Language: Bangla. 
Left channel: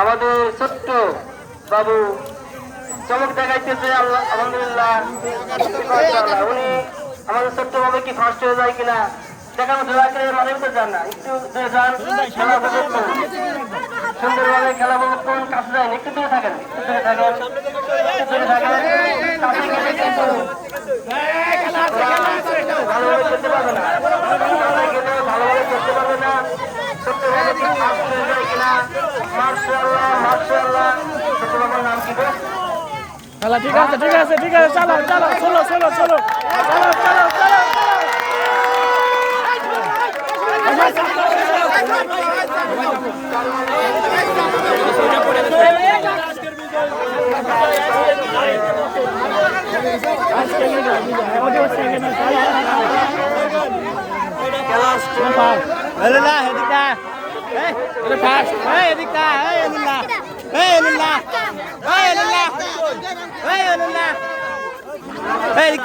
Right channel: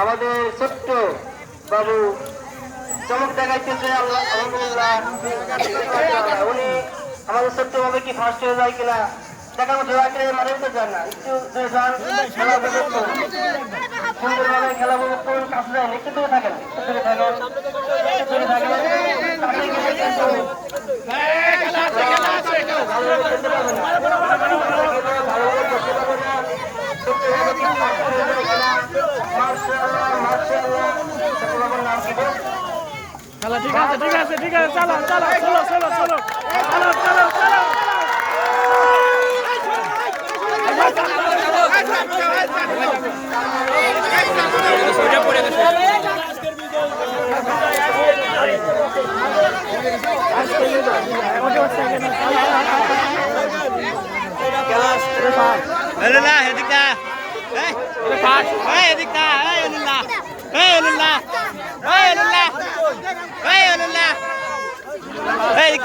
আমাদের ছোট্ট বাবু চমক দেখাইতেছে। আল্লাহ আলহামদুলিল্লাহ। উনি আমাদের ছোট্ট বাবু কি ফার্স্ট হয়ে যায় কিনা দেখানো, দয়া করে মাঝে মধ্যে যান না, একটু খেলা উপভোগ করুন, সুন্দর মেলায় খেলা উপভোগ করুন। কাছে যান, একটু দূরে থাকেন, একটু দূরে থাকেন, দূরে থাকেন। ভালোভাবে করতে পারবে না, ভালোভাবে করতে পারবে না। ছোট্ট বাবু কি ফার্স্ট হয়ে যায় কিনা। মাশাআল্লাহ মাশাআল্লাহ। ছোট্ট বাবুর নাম কি গো? খেলা ঠিক আছে ঠিক আছে ঠিক আছে, চলো চলো চলো চলো চলো Hey,